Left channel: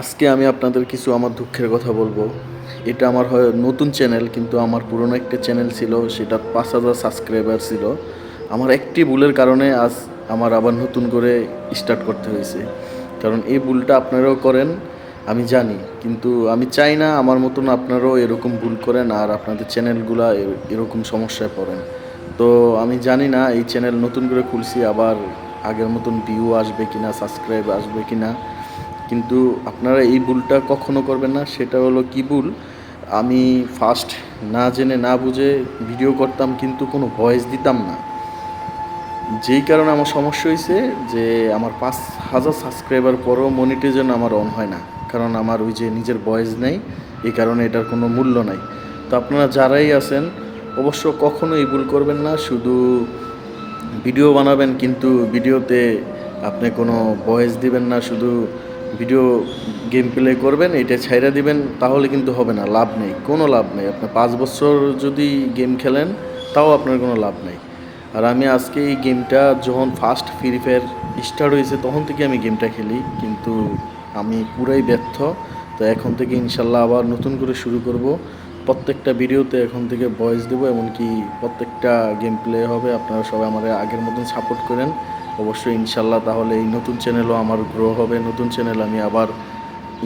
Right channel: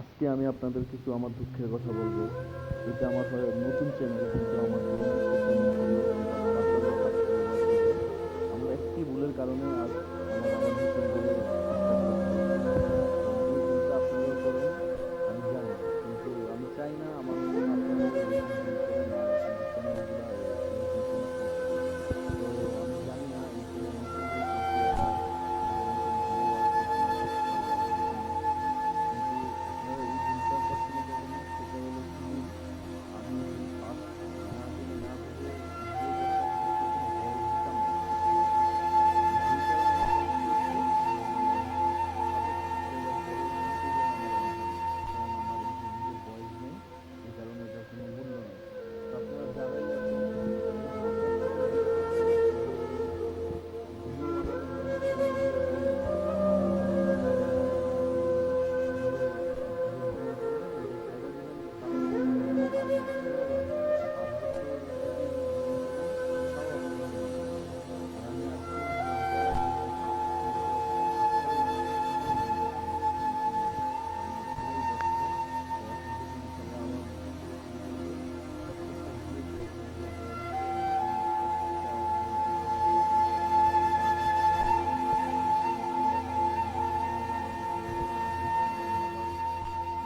আজকে আমি আপনাদের কিছু আমার দুঃখের কথা বলব। এটা আমার হয় নতুন চ্যানেল, কিন্তু আমার পুরনো একটা চ্যানেল ছিল, সেটা পাঁচ হাজার সাবস্ক্রাইবার ছিল। আমার একটি ভুলের কারণে আজ আমার আবার নতুন করে স্টার্ট করতে হয়েছে। কারণ এই ভুলটা আপনারাও করেন, আমি জানি। কিন্তু আমি চাই না আমার মতন আপনারাও এরকম ভুল করেন আর আপনাদের চ্যানেলগুলা এরকম সমস্যায় পড়েন। তো আমি জানি না এই চ্যানেল নতুন করে খুলছি, আবার আগের মতন ভিউ আসবে কিনা সাবস্ক্রাইব আসবে কিনা। কিন্তু আপনারা এই ভুলটা কখনো করবেন না, সেটা হলো কি ভুল? আমি ফার্স্ট না জেনে না বুঝে ভিডিও করতাম কিন্তু কোনো ভয়েস দিতাম না। যেই কারণে আমার সমস্যা হয়েছে যে আমার পাঁচ হাজার সাবস্ক্রাইবার পরও মনিটাইজেশন আমার অন হয় না, কারণ আমার ওই যে নিজের ভয়েস নেই, এই কারণে এটার কোনো মূল্য নাই। তো আপনারা যারাই আছেন, অবশ্য কখনো এই ভুল করবেন না, শুধু ভিডিও বানাবেন কিন্তু ভিডিওতে আপনি কোনো ভয়েস দিবেন না, শুধু ভিডিও গেম প্লে করবেন, এটা ছাইরা দিবেন, তাহলে কিন্তু হবে না, লাভ নেই, কোনো লাভ নেই। আপনি পাঁচ বছর যদি গেম খেলেন, তাও আপনার কোনো লাভ নেই। আর আমি আজকে এই গেমটা যখন ফার্স্ট ফ্রি ফায়ার স্টার্ট হয়েছে, তখন থেকে আমি গেমটা খেলি, কিন্তু আমি পুরাই ব্যর্থ। তো এখন থেকে ইনশাল্লাহ আবার নতুন করে শুরু করব। প্রত্যেকটা ভিডিওতে এখন থেকে ভয়েস দেবো, এমনকি প্রত্যেকটা গেম প্লে হবে, আপনারা সবাই আমাদের আগের মতন সাপোর্ট করেন। অবশ্যই ইনশাল্লাহ তাহলে এই নতুন চ্যানেলও আমার গ্রো হবে। নতুন চ্যানেল আমি আবার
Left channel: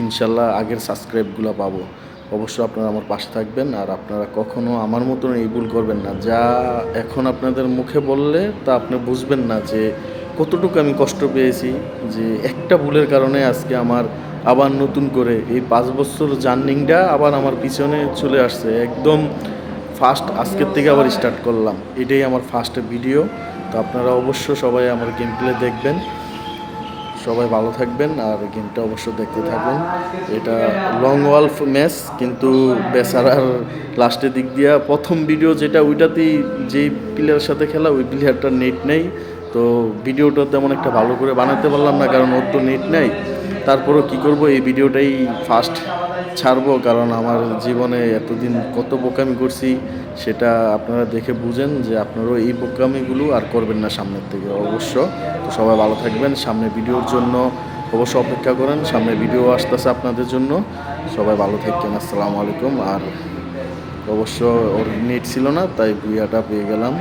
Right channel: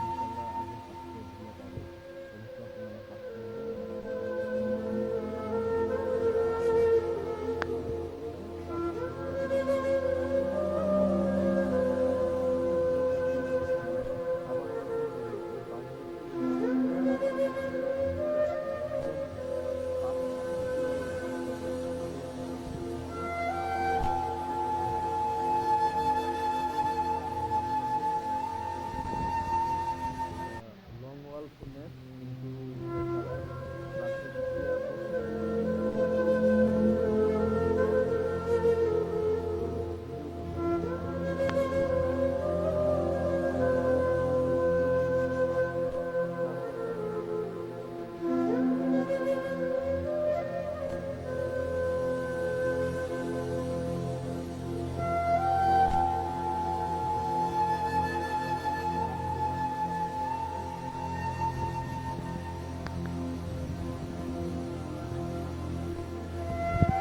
ইনশাল্লাহ আগের সাবস্ক্রাইবগুলো পাবো। অবশ্যই আপনারা আমার পাশে থাকবেন আর আপনারা কখনো আমার মতন এই ভুল করবেন না। যা এখন আপনাদের মুখে বললে তা আপনি বুঝবেন না যে কতটুকু আমি কষ্ট পেয়েছি, যে একটা ভুলের কারণে আজকে আমার আবার নতুন করে এই পাঁচ বছর জার্নিংটা আবার আমার পিছনে চলে আসছে। একদম ফার্স্ট আজকের থেকে আবার স্টার্ট করলাম। এটাই আমার ফার্স্ট ভিডিও তো আপনারা অবশ্য সবাই আমার গেম প্লে দেখবেন। সবাই ভালো থাকবেন আর গেমটা অবশ্য দেখতে থাকুন। এটা লং ওয়ালফ ম্যাচ কিন্তু বেচারার লাস্টের দিক দিয়া প্রথম ভিডিও যেটা, ওইটাতেই যেই প্লেয়ারের সাথে খেলা, ওই প্লেয়ারটার নেট নেই। তো ভিডিওটা তেমন একটা ভালো করে বানাতে পারলাম না, কারণ ওর তো নেট নেই। তারপরও কি করব? এই ভিডিওটাই ফার্স্ট ছাড়বো, কারণ আমার জীবনে এতদিন কত বোকামি করছি সেটা আপনারা দেখে বুঝেন যে আপনারাও এই বোকামিগুলো আর করবেন না সামনের থেকে অবশ্য। তো সবাই ভালো থাকবেন সামনে ভিডিওর জন্য অবশ্য অপেক্ষা করেন সামনে ভিডিও আসতেছে আপনাদের জন্য। সবাই ভালো থাকবেন, আসসালামু আলাইকুম। আর অবশ্য ওর নেট ছিল না, তাই বুয়াটা পেয়ে গেলাম।